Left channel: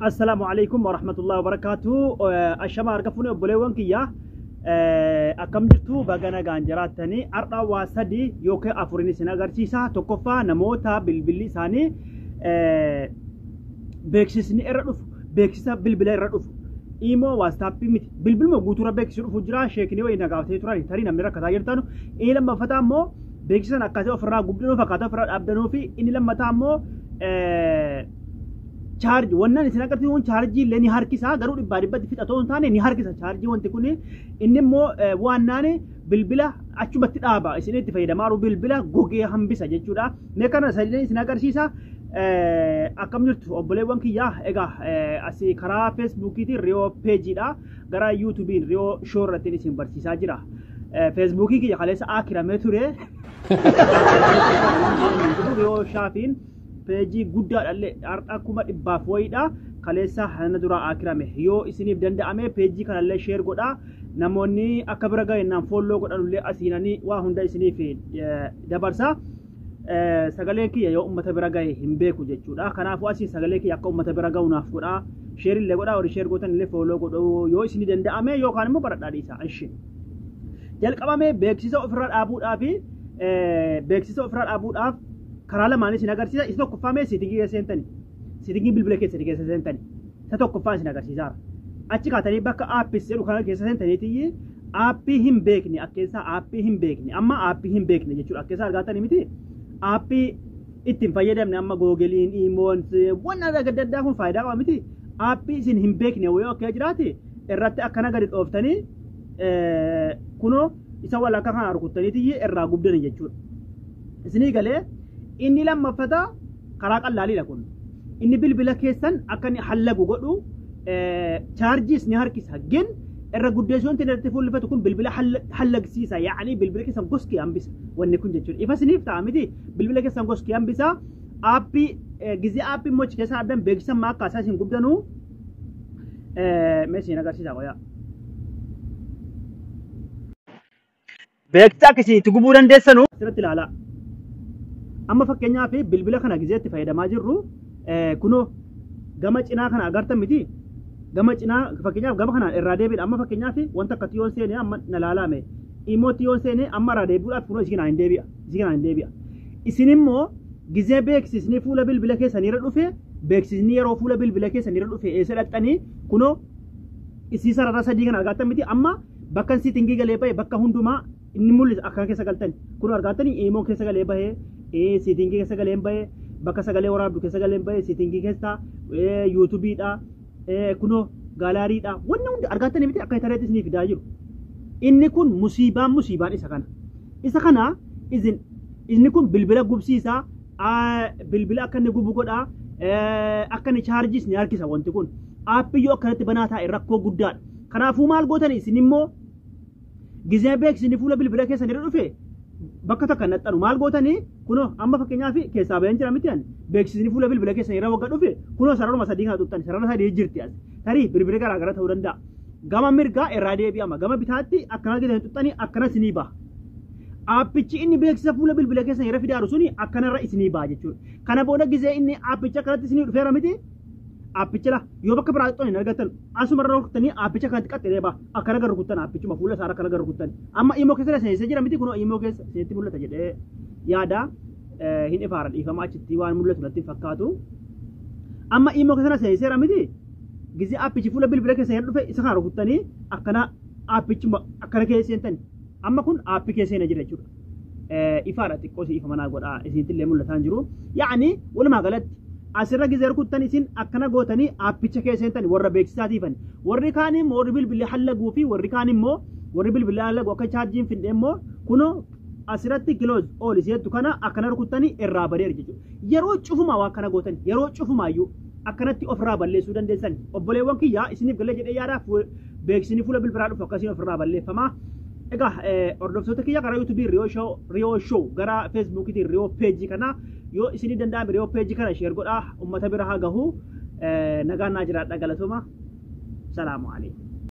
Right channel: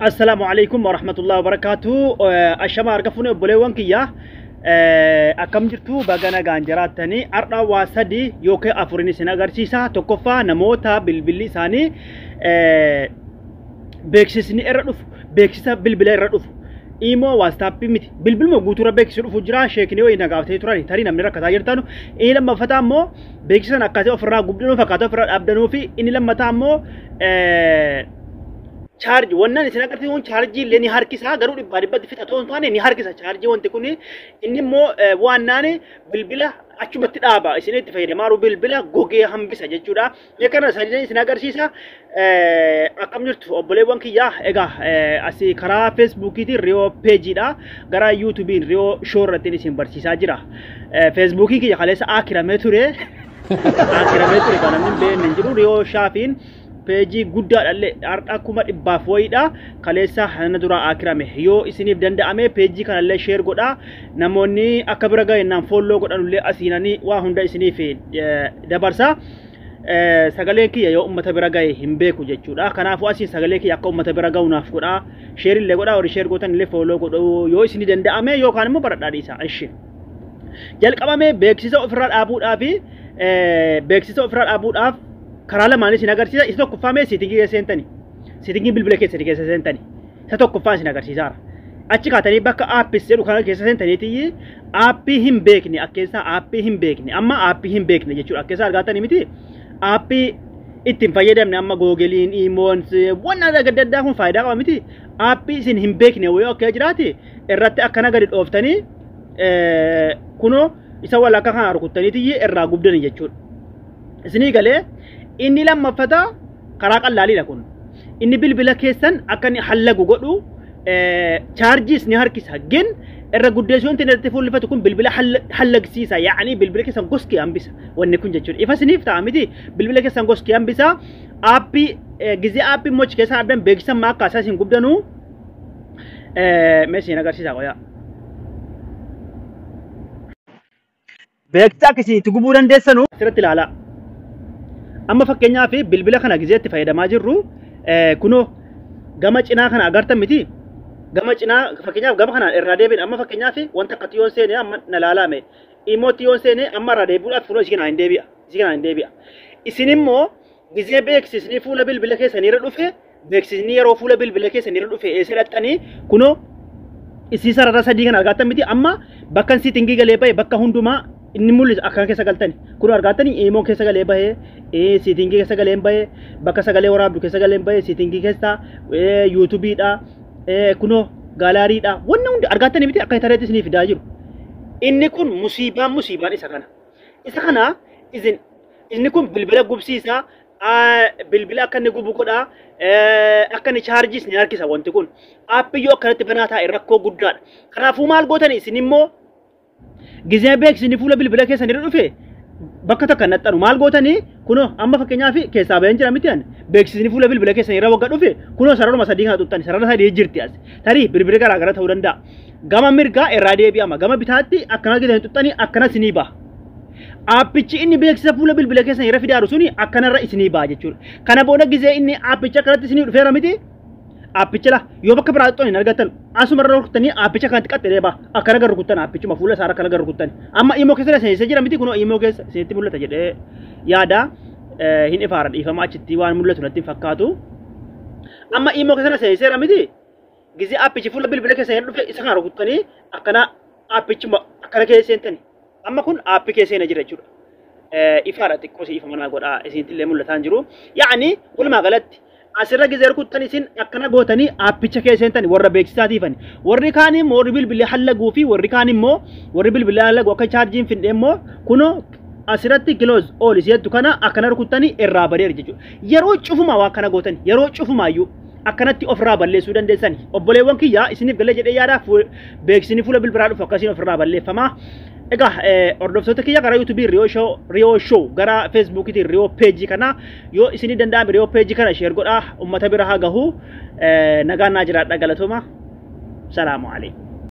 السلام عليكم ورحمة الله وبركاته. الشمال ركفوني بوليوان كيا أكمل جرتو بعنا جانجرات تاني أرنا واسدي يوكي أفوريني سناغرسيسا توكوفا نموتا بالبلي ساني بيكسسني إردوف بيكسسا بالبلي إردوف إيمو واستابي ميت بالبل مو غوتورا بيكسر فجرا شيكني وين نقاوتي تراني تاري نمني ركضا يرتانو إيه لما فتامو بيكسسا نكاتي أفرا غوبدنو فكاتو أفرا أبدنو في إني لما تامو charge wannan isin agartee won charge illee ni harkisa garuu dhibba fixatoo taane ni harkisa charge wanti kun inni immoo waannaani bilbila achumatti dhaaba isin itti fayyadamaaru bilbila gogee hambisa jechuudha mee kana sadii isin agarsiisa akkam jirtu obboleewwan kiyyaa egaa asii karaa Facebookiti Rio page dha gara YouTubein Rio show irratti isin barsiisaa jira Facebookii kiyya kaleessa akiramee ture kan jiru Rio Shaafiin page guddaa dhalle akkuma dhibbaaf wayidha kaleessa hana dura akirame yoo isiniif danda'ame page kanallee share godha namoonni akka bira ga'ennaan follow godhanullee asiinanii waa hunda isiniif dabarsa sagaleen kiyya yoo ummata bira ga'e hin beeku jechuudha kanaafuu asiin sagalee kiyya akka ummata bira ga'unaaf godha share illee godha warri share gootanillee follow godhu yoo isinii danda'ame yookaan immoo baradhaa dhiisa ishi jalqabame beeksisa ofirraa dhaabuudhaaf karala mani sinagarsiisa isa tokkoffame sitingii seentani sitingii bilbila keessa seentani isa tokkoffaan sinagarsiisaara achi kaatanii bakka aappis jedhu kana keessa seentaniiti aappii hin beekne akkeessa aappii hin beekne amma aappii hin beekne jechuudha akkeessa argatanii miti aappii ittiin fayyadamne amma googeliin imoons waan adda kun faayidaa qaba miti aappii isin hin beekne wayoo akka jiraati irratti akkana gadi dhooftanii kunoo isa walakka kana rukuttaniiti irraa gubdani jechuudha isinii galee inni lammaffata karaa qallaaliidha kun inni bilbila keessan akka inni hallagu godhu charges ni harkisa gen irra guddeessuun tinirratti fuullifatu kun bilbila hallagsiisa yaani bilbila keessan goskii hambisa wanni kun jechuudha ifa siniif ta'a miti bilbila keessan goskii hambisa aappii gizee aappii mochi keessan abdan beeksisan maa akka asaasin gubdanuu meeshaan agarsiisa qoyaa beeksisa akkasii itti gubuu dandeessanuu asirratti ilaalaa amma fakkeenyaaf bilbila kana gizeetti fayyadamaa jirru kunoo gama cinaa kana agartan miti gama cinaa fakkeenyaaf gama kana irraa deebiin amma fakkeenyaaf wanta akka tiyoon seenee amma na laalame immoo tiyoon seenee amma irraa deebi'uudhaaf kunoo isin hin deebi'a isin immoo gizee beeksisni fuula bilbila keessanii irra dhufe beeksisni yeroo fuula bilbila keessanii irra dhufe eessa dhaxxanii kunoo isii sarara sadii kana argattan miti amma bakka sitingii galee bahe bakka hundumaa inni mul'isa akka keessa galtani kun argatani imo keessa galee bahee sitingii keessa galee bahee bakka sagalee waraabdu keessa galee bahee sitingii keessa YouTube dha kuno gallery dha wanna hundi argatani miti akka internet isiniif fidaa jiru inni kun musiibaan isa kana inni kun bilbila gubsiisa bilbila akka inni gubu godha akka inni charges ni harkisa wanti kun aappii yoo akkanatti banaataa rakkoo guddaadha kanaafuu maal gootani isin immoo gizee beeksisni fuula bilbila keessanii irra dhufe bakka takka naxxanu maal gootanii kunoo amma fakkeenyaaf keessaa bayan jira miti an beeksisni fuula bilbila keessanii irra wagga dhufe kunoo sararuma sadii kana tuttani sarara sadii jirti as tarii bilbila garaagara ta'uu danda'a gama mirgaa irraa deebi'ama gama bitaatti akkana gidanii tuttanii akkana isinii ba'a aappichi inni beeksisa fuula bilbila keessanii irra fidaaru suni akkanarra isinii ba'a jechuudha kana booda gizee inni aappicha akkanatti isinii dhufeera miti aapicha la yoo bakka biraa xixoon hin argatan asuma irra rukuttanii aapicha kanatti qaxxee baa akkana gara rukuttan aapichuma fuula isaa akkana gara rukuttan amma imo keessa seensa jira miti kunoo imo keessa seetti mul'ata jedhee yaada hin ifaara dhiifama achitti waan mul'atu natti fakkaatu amma imo keessa seenseera miti gizee aapichi fuula bilbila keessa hin dhufe isa kana rukuttanii akkana aapichuma akkana keessa seentani amma kun aappii keessa seena jira jechuudha ifaara xiqqoo si ifamanaa godhaa isintillee mul'ataan jiru yaani walumaa galatti asirra gizee rukuttan isin akkana gootanii aappicha keessa seentani warra beeksisaatiifani warri kaan immoo warri bilbila hallaguu fi warri kaan immoo warri bilbila hallagu akka chaarjiin findee immoo kunoo asirratti kiloos oolis jettu kana akkana rukuttanii irraa badeera jechuudha yeroo cufuma waa kana gootani yeroo cufumaayyuu akkanatti ofirraa balleessuu dandeessani obboleewwan kiyyaa isiniif galee jedhee yaadaaf beeksisni fuula bilbilaa dhufu akkasiin ofirraa balleeffamaa egaa hordoftoota kiyya gara YouTube Rio show gara Facebook Rio page kana yoo isinii danda'ame Rio page kana share godhaa ummata bira haa gahu nagaan naa jiraadha galatooma salaamu alaykum